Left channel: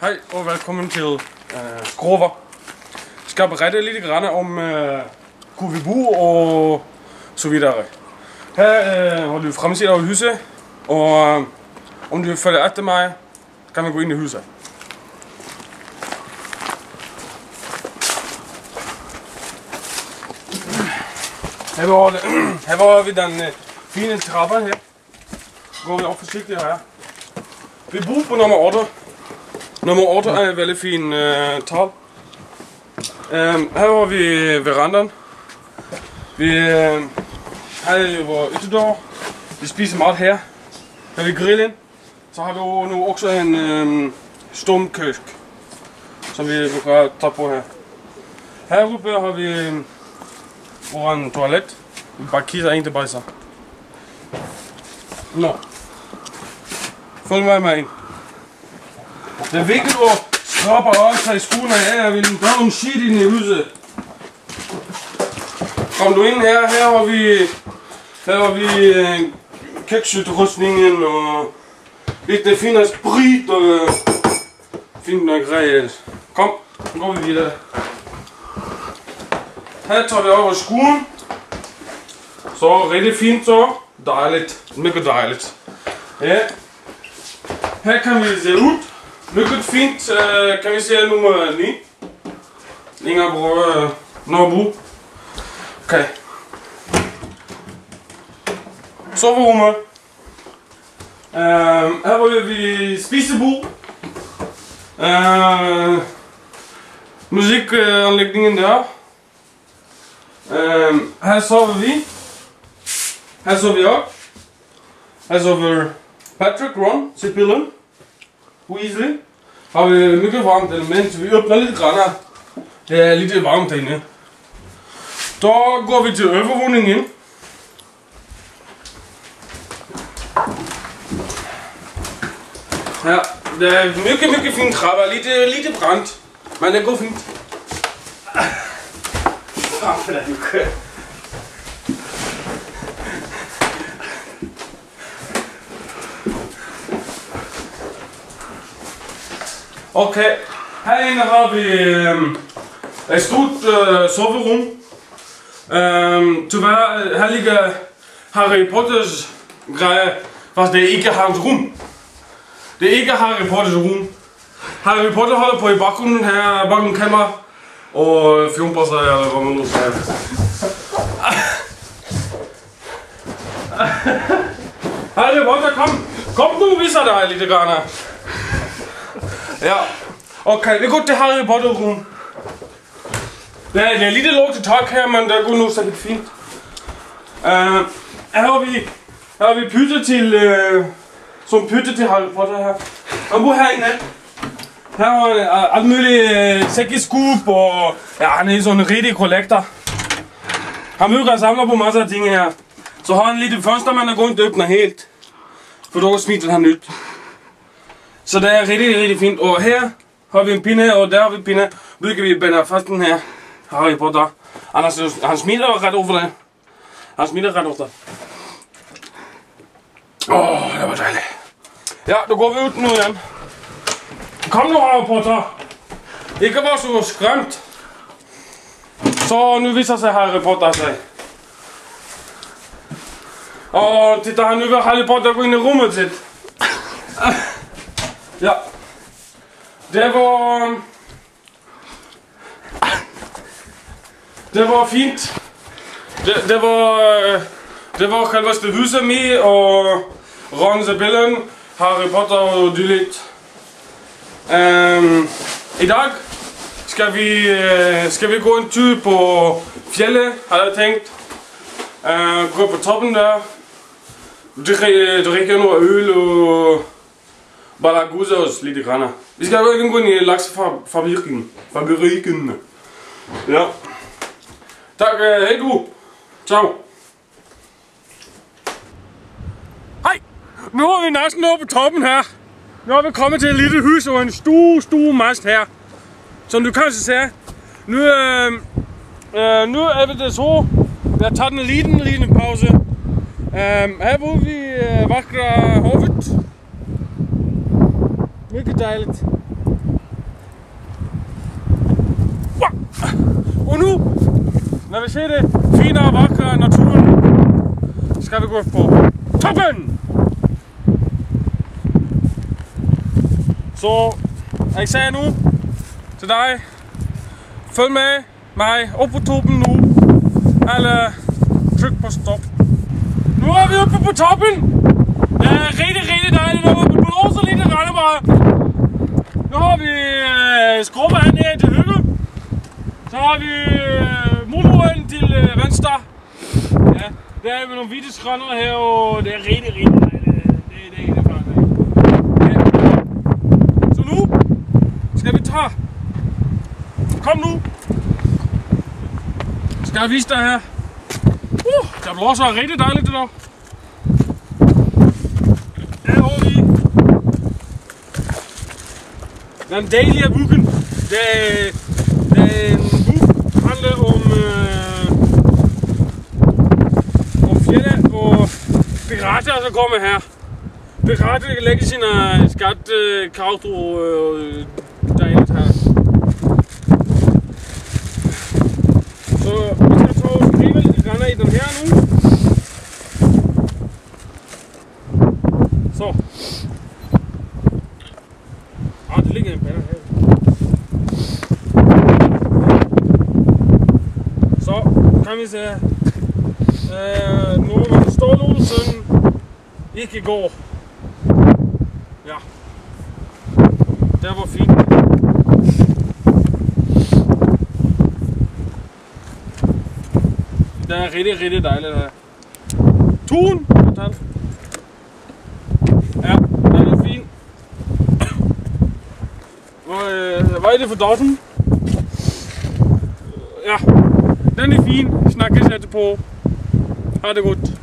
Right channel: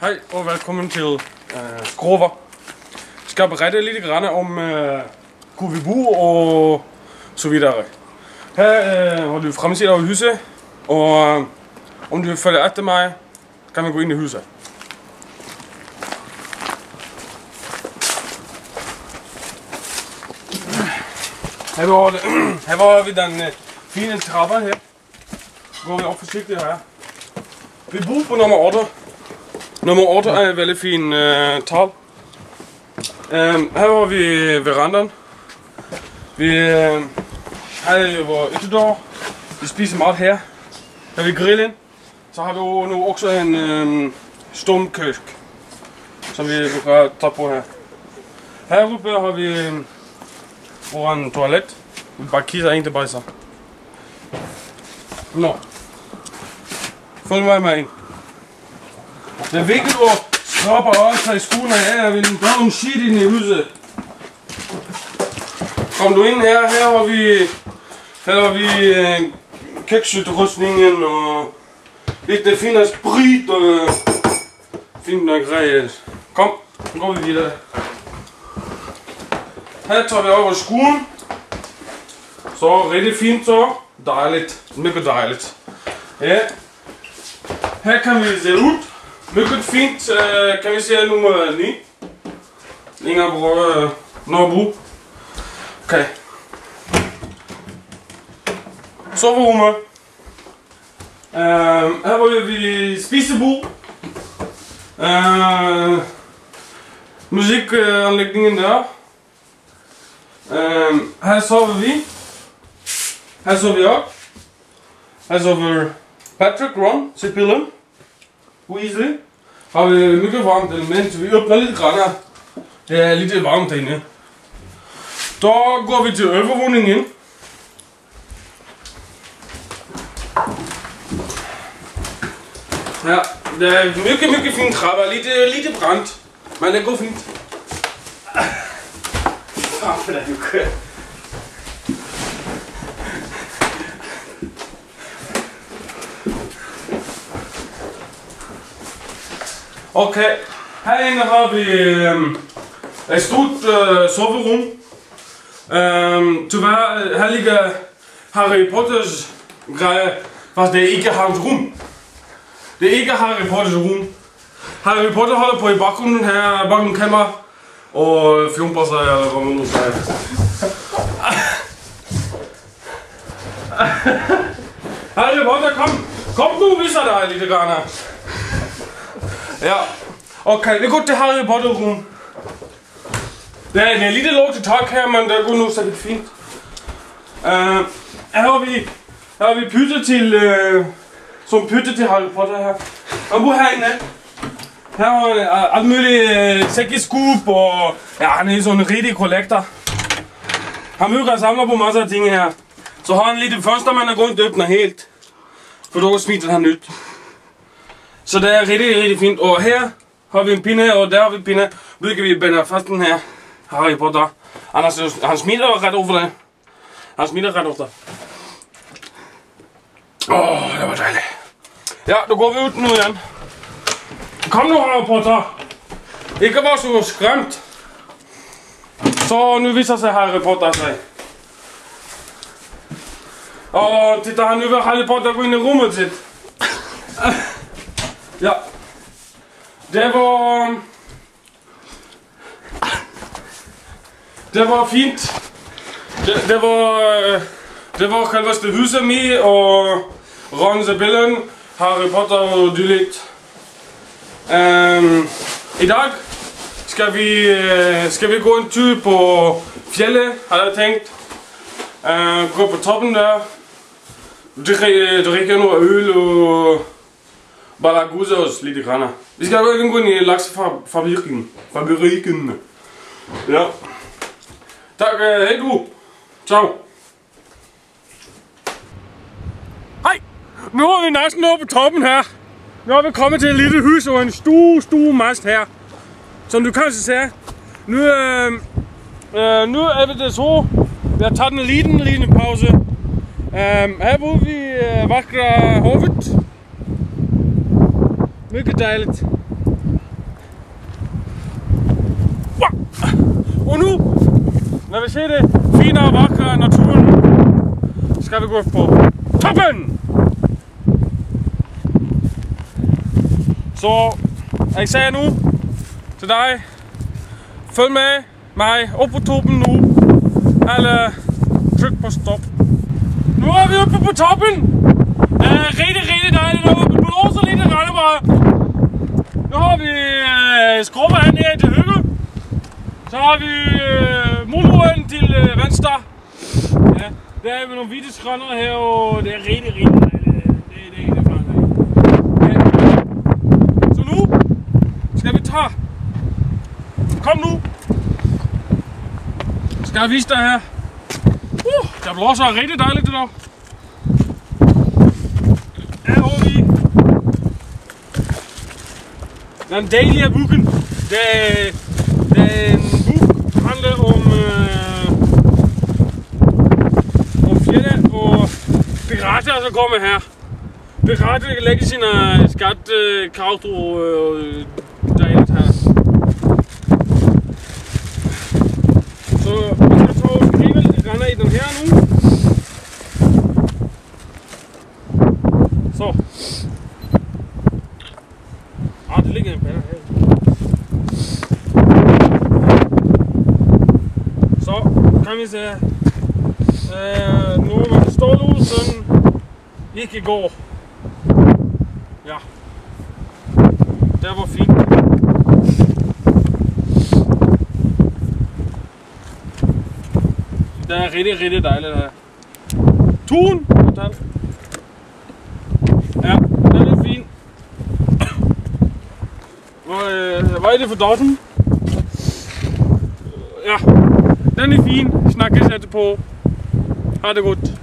Hej og velkommen til Skrover. Jeg skal berette lidt om Kovibu og så videre. Her har du fremsiden af huset, og om du følger efter mig, kan man gå ind i huset. Her var vi den fine trappe her. Går vi op forsigtigt her. Vi bor på nummer 8. Nummer 8 er en veldig fin tal. Her har vi verandaen. Vi har vores ytterdør. Vi spiser mad her. Her har vi grillen. Så har vi nu også en stumkøk, som vi kan tage på her. Heruppe har vi vores toilet. Vi bare kisser ind til bajser. Nå. Følg mig ind. Det er vigtigt at skrabe og tage skoene af, jeg vil gøre nogle shit ind i huset. Kom du ind her, her har vi køkkenutrustningen og lidt fine sprit og fint nok grej. Kom, nu går vi videre. Her tager vi over skoen. Så rigtig fint så. Dejligt, mega dejligt. Ja. Her kan vi se ud. Mega fint, kan vi se nummer 9. Længere på Nørrebro. Okay. Soverummet. Her har vi spisebord. Musikanlægningen der. Her sover vi. Her sover vi op. Her sover Patrick, Ron, Sibylle, Weasley. Har vi mega varmt element, vi åbner lidt grann. Det er lidt varmt derinde. Da går vi til overvågningen. Ja, det er mega fint krabber, lidt brændt, men det går fint. Okay, herinde har vi et stort soverum. Tyvärr, her ligger Harry Potters grejer, fast det er ikke hans rum. Det er ikke Harry Potters rum. Harry Potter holder på i baggrunden her, bakken kammer og fjumper sig, eller hvad man nu siger. Harry Potter, kom nu, viser dig lidt grann. Ja, okay, vi går til Harry Potter rum. Det er lidt lov til tak her, men det går nu så lidt fint. Her har vi pytte til, som pytte til Harry Potter her. Og bor herinde. Her er alt muligt sækkeskub og ja, han er sådan en rigtig kollektor. Han bygger samler på masser af ting her. Så har han lidt fønster, man er gået og åbner helt. For dog smitter han nyt. Så det er rigtig fint. Og her har vi en pinde, og der har vi en pinde. Bygger vi binder fast den her Harry Potter. Han smitter ret over det. Han smitter ret over det. Det var dejligt. Ja, nu går vi ud nu igen. Kom nu, Harry Potter. Ikke var så skræmt. Så nu viser sig Harry Potter sig. Og det der nu vil Harry Potter gå ind i rummet til. Ja. Det var fint. Det var selveste huset med og Ron, Sibylle, Harry Potter og dylikt. I dag skal vi gå en tur på fjellet, har jeg tænkt. Gå på toppen der. Drikke noget øl og bare gudse os lidt grann. Vi skal jo gå ind i laksefabrikken. Ja. Tak, hej du. Ciao. Hej. Nu er vi næsten oppe på toppen her. Nu er vi kommet til et lille hus og en stor mast her. Som du kanskje ser. Nu er det så. Vi har taget en liten pause. Her bor vi vackra havet. Mycket dejligt. Og nu, når vi ser det fine og vakre naturen, skal vi gå på toppen! Så jeg sagde nu til dig, følg med mig op på toppen nu, eller tryk på stop. Nu er vi oppe på toppen! Det er rigtig dejligt derude, det blåser lidt, det regner bare. Nu har vi skrubber her nede til højre. Så har vi muldroden til venstre. Ja, der er vi nogle hvide skrænder her, og det er rigtig dejligt. Det er faktisk ikke. Ja. Så nu skal vi tage. Kom nu. Skal jeg vise dig her. Der blåser rigtig dejligt det der. Her har vi den del af boken. Den bog handler om fjerde og pirater, der kommer her. Pirater kan lægge sine skattekrav dejligt her. Så vi skal tage og skrive lidt i den her nu. Så. Det ligger en bander her. Så kan vi se. Nu hvor det står nu sådan ikke går. Ja. Der var fint. Det er rigtig dejligt her. Turen! Ja, den er fin. Hvad er det for dotten? Ja, den er fin. Snakkes etterpå. Ha' det godt.